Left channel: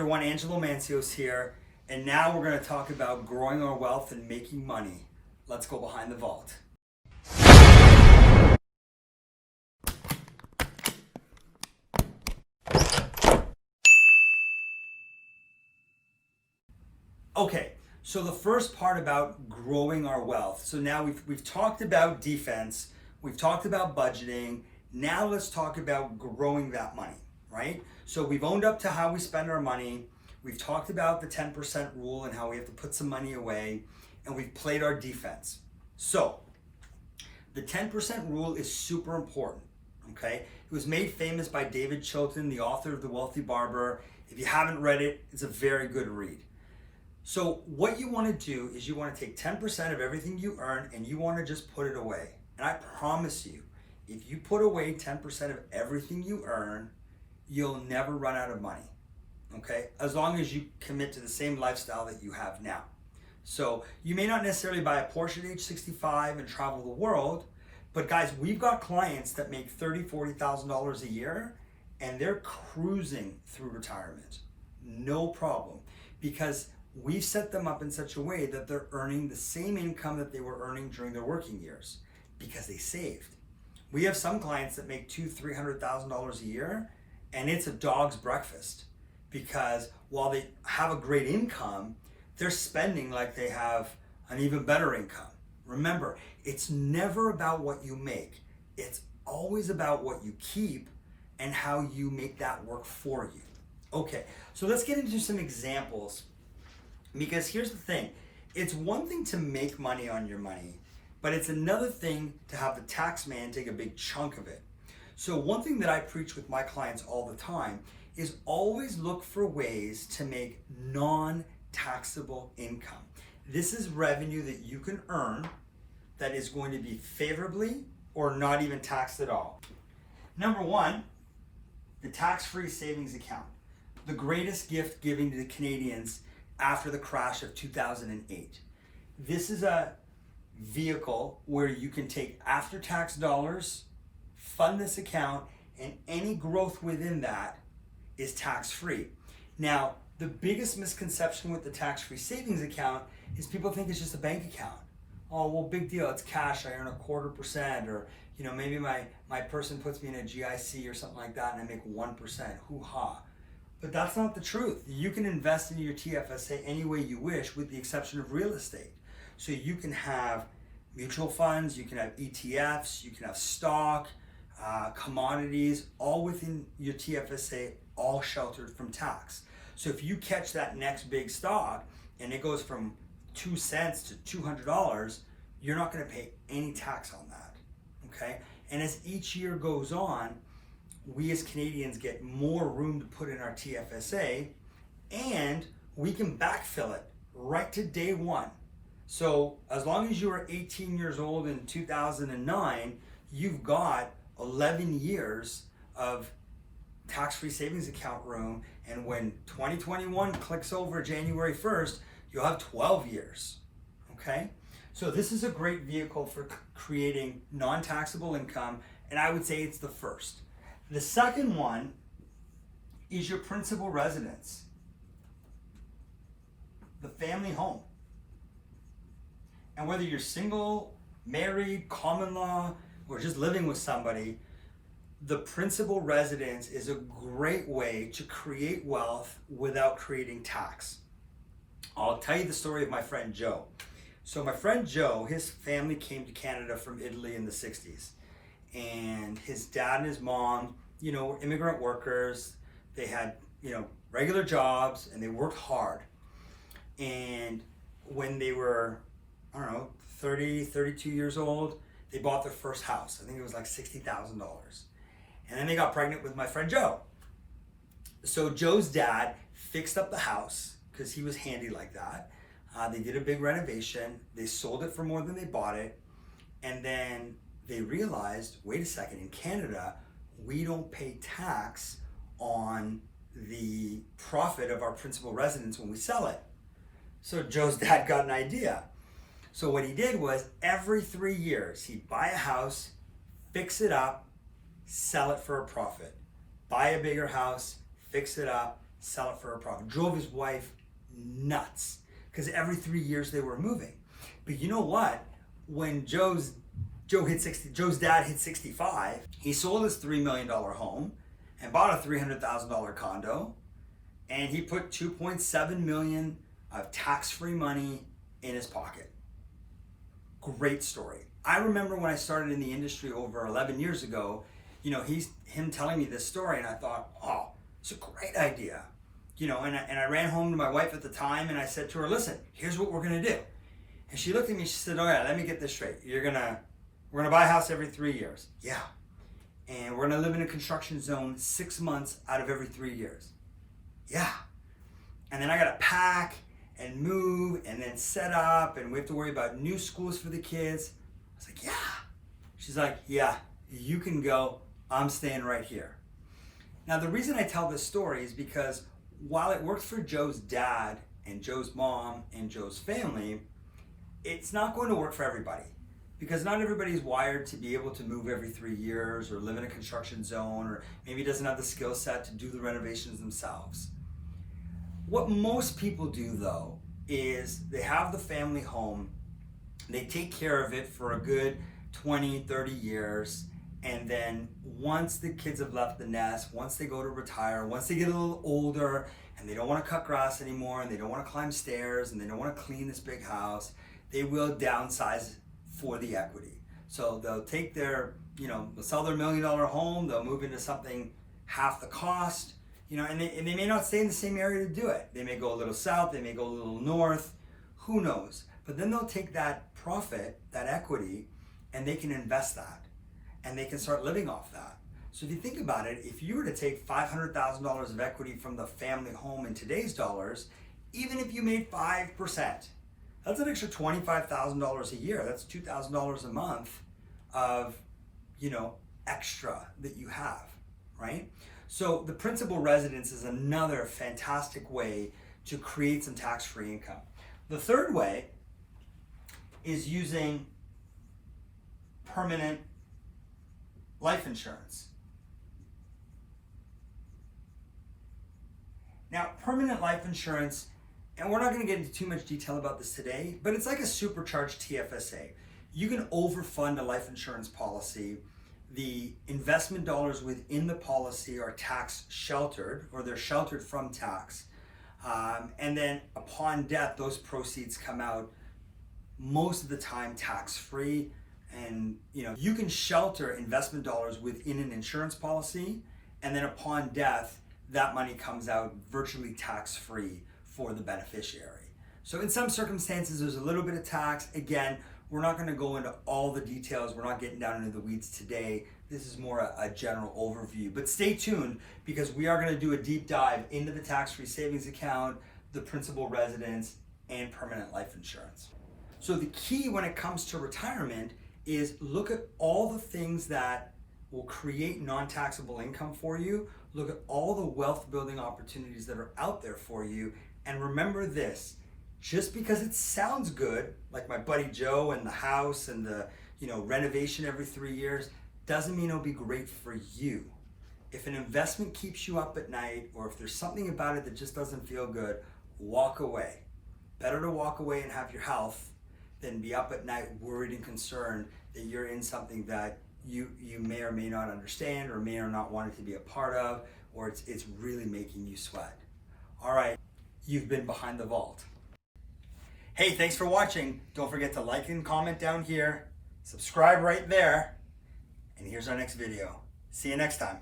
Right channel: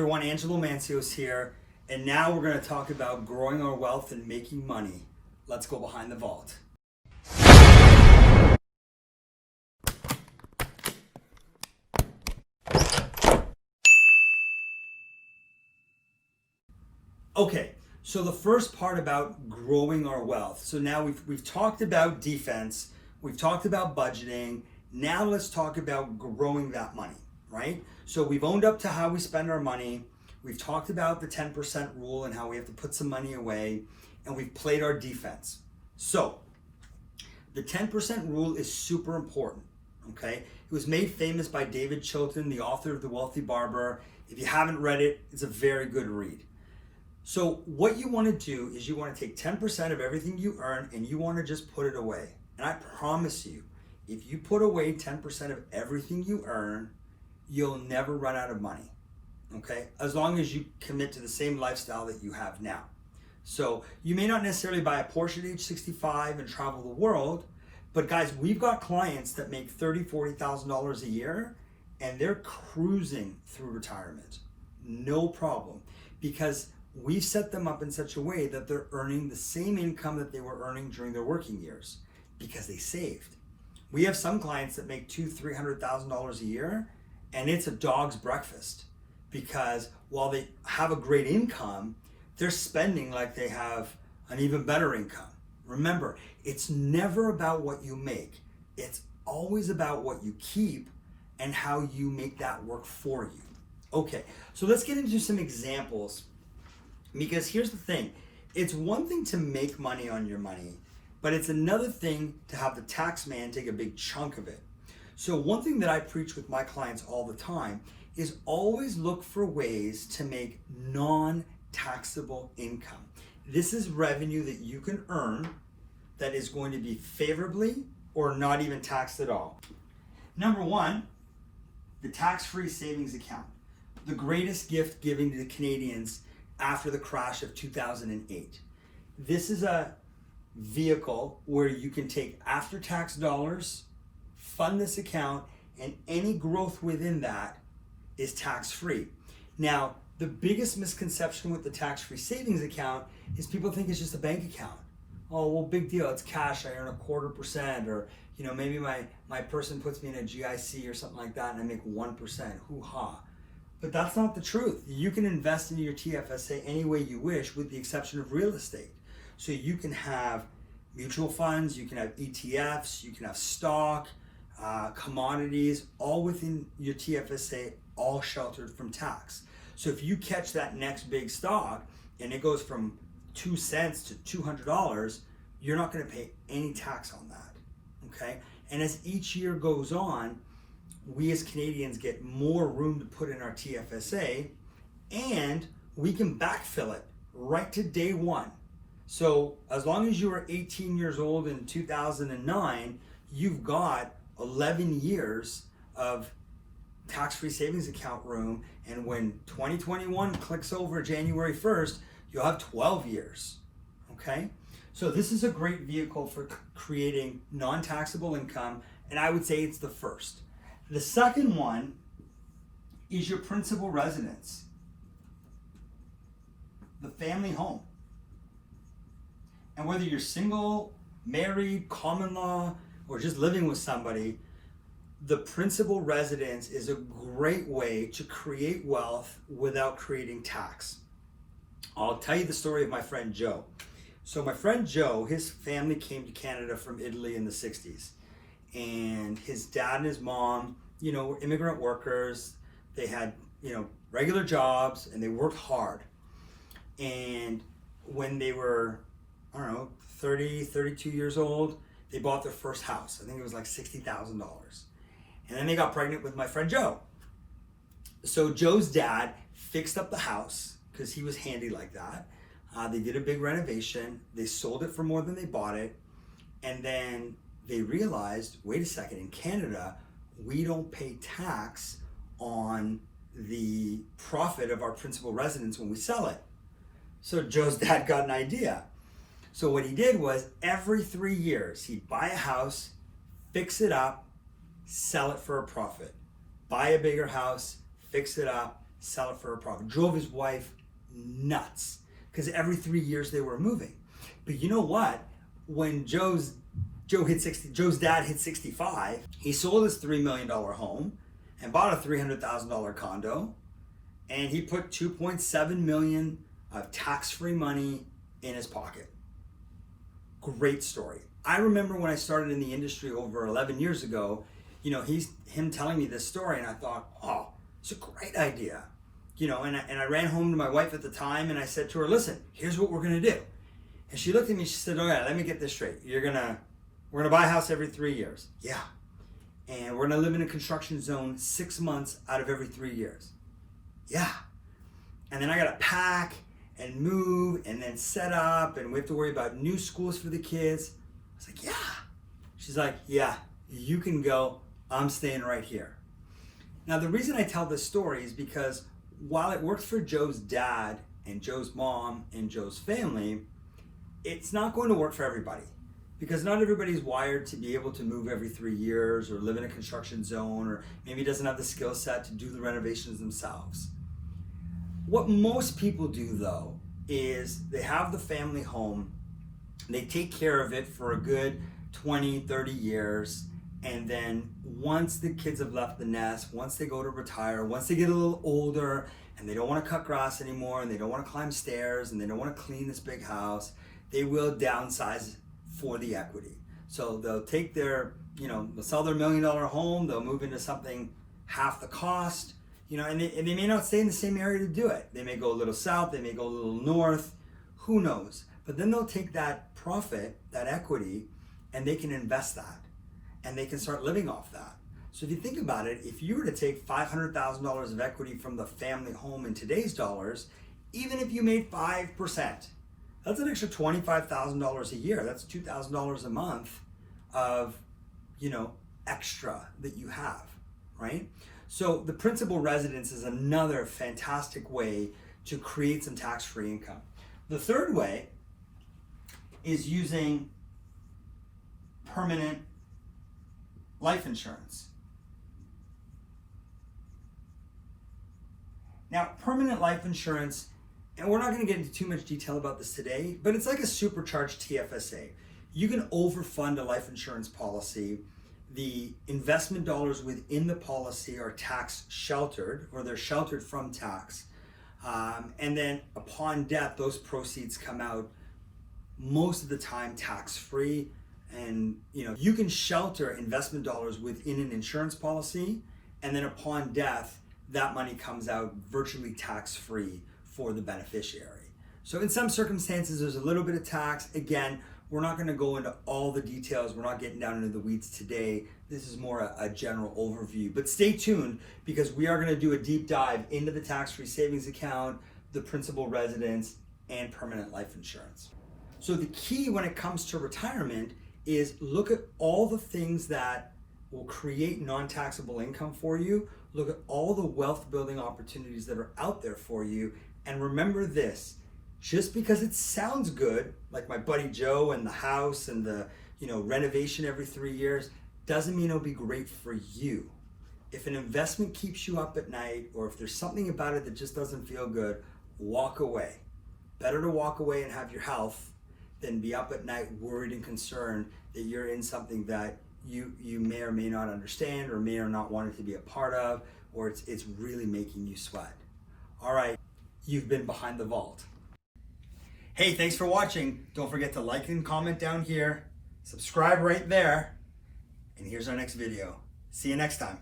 Everyone, Angelo here, and now we're going to talk about growing our wealth and making money. Let's go behind the vault. Okay, so the first part about growing our wealth. So now we've talked about defense, we've talked about budgeting. Now let's talk about growing that money, right? So we've owned up to how we spend our money. We've talked about the 10% rule and how we have to put some money away, and we've played our defense. So the 10% rule is super important, okay? It was made famous by David Chilton, the author of The Wealthy Barber. If you haven't read it, it's a very good read. So what you want to do is you want to take 10% of everything you earn and you want to just put it away. And I promise you, if you put away 10% of everything you earn, you'll never run out of money, okay? As long as you commit to the same lifestyle that you have now. So you may not necessarily buy a Porsche at age 65 and travel the world, but guys, we've got clients that make $30,000, $40,000 a year and they're cruising through retirement. No problem, because we've set them up in such a way that they're earning the same income that they were earning during their working years because they saved. We have some clients that make $200,000, $300,000 a year, and it's a dog's breakfast because while they have a great income, they're spending like they have an even better income. Remember, it's never about what you make. It's always about what you keep and how you make that work for you. Okay, so let's get into some examples. Because here's the thing, it's one thing to make money on your money, but it's another thing to have the tax man take a big chunk of it. So one thing that I preach with my clients all the time is always look for ways to make non-taxable income. This is revenue that you can earn that is going to be favorably or not even taxed at all. Number one, the tax-free savings account, the greatest gift given to the Canadians after the crash of 2008. This is a vehicle where you can take after-tax dollars, fund this account, and any growth within that is tax-free. Now, the biggest misconception with the tax-free savings account is people think it's just a bank account. Oh, well, big deal, it's cash, I earn 0.25%, or maybe my person puts me in a GIC or something like that and I make 1%, hoo-ha. But that's not the truth. You can invest in your TFSA any way you wish with the exception of real estate. So you can have mutual funds, you can have ETFs, you can have stock, commodities, all within your TFSA, all sheltered from tax. So if you catch that next big stock and it goes from 2 cents to $200, you're not gonna pay any tax on that, okay? And as each year goes on, we as Canadians get more room to put in our TFSA, and we can backfill it right to day one. So as long as you were 18 years old in 2009, you've got 11 years of tax-free savings account room, and when 2021 clicks over January 1st, you'll have 12 years, okay? So this is a great vehicle for creating non-taxable income, and I would say it's the first. The second one is your principal residence, the family home. And whether you're single, married, common law, or just living with somebody, the principal residence is a great way to create wealth without creating tax. I'll tell you the story of my friend Joe. So my friend Joe, his family came to Canada from Italy in the 60s. And his dad and his mom, were immigrant workers. They had, regular jobs and they worked hard. And when they were, 30, 32 years old, they bought their first house. I think it was like $60,000. And then they got pregnant with my friend Joe. So Joe's dad fixed up the house because he was handy like that. They did a big renovation. They sold it for more than they bought it. And then they realized, wait a second, in Canada, we don't pay tax on the profit of our principal residence when we sell it. So Joe's dad got an idea. So what he did was every 3 years, he'd buy a house, fix it up, sell it for a profit. Buy a bigger house, fix it up, sell it for a profit. Drove his wife nuts because every 3 years they were moving. But you know what? When Joe's dad hit 65, he sold his $3 million home and bought a $300,000 condo, and he put $2.7 million of tax-free money in his pocket. Great story. I remember when I started in the industry over 11 years ago, him telling me this story, and I thought, oh, it's a great idea. And I ran home to my wife at the time, and I said to her, listen, here's what we're gonna do. And she looked at me, she said, oh yeah, let me get this straight. We're gonna buy a house every 3 years. Yeah. And we're gonna live in a construction zone 6 months out of every 3 years. Yeah. And then I gotta pack and move and then set up, and we have to worry about new schools for the kids. I was like, yeah. She's like, yeah, you can go. I'm staying right here. Now, the reason I tell this story is because while it works for Joe's dad and Joe's mom and Joe's family, it's not going to work for everybody, because not everybody is wired to be able to move every 3 years or live in a construction zone, or maybe doesn't have the skill set to do the renovations themselves. What most people do, though, is they have the family home, they take care of it for a good 20, 30 years, and then once the kids have left the nest, once they go to retire, once they get a little older and they don't want to cut grass anymore and they don't want to climb stairs and they don't want to clean this big house, they will downsize for the equity. So they'll take they'll sell their $1 million home, they'll move into something half the cost, and they may not stay in the same area to do it. They may go a little south, they may go a little north, who knows? But then they'll take that profit, that equity, and they can invest that, and they can start living off that. So if you think about it, if you were to take $500,000 of equity from the family home in today's dollars, even if you made 5%, that's an extra $25,000 a year. That's $2,000 a month of, extra that you have, right? So the principal residence is another fantastic way to create some tax-free income. The third way is using permanent life insurance. Now, permanent life insurance, and we're not going to get into too much detail about this today, but it's like a supercharged TFSA. You can overfund a life insurance policy. The investment dollars within the policy are tax sheltered, or they're sheltered from tax. And then upon death, those proceeds come out most of the time tax-free. And you can shelter investment dollars within an insurance policy, and then upon death, that money comes out virtually tax-free for the beneficiary. So in some circumstances, there's a little bit of tax. Again, we're not going to go into all the details. We're not getting down into the weeds today. This is more a general overview. But stay tuned, because we are going to do a deep dive into the tax-free savings account, the principal residence, and permanent life insurance. So the key when it comes to retirement is look at all the things that will create non-taxable income for you. Look at all the wealth building opportunities that are out there for you. And remember this, just because it sounds good, like my buddy Joe and the house and the renovation every 3 years, doesn't mean it'll be great for you. If an investment keeps you up at night, or if there's something about it that just doesn't feel good, walk away. Better to walk away and have your health than be up at night worried and concerned that you're in something that you may or may not understand, or may or not want it to be a part of, or it's really making you sweat. All right, you've been Behind the Vault. Hey, thanks for watching. Don't forget to like and comment down here, subscribe right there, and here's our next video. See you next time.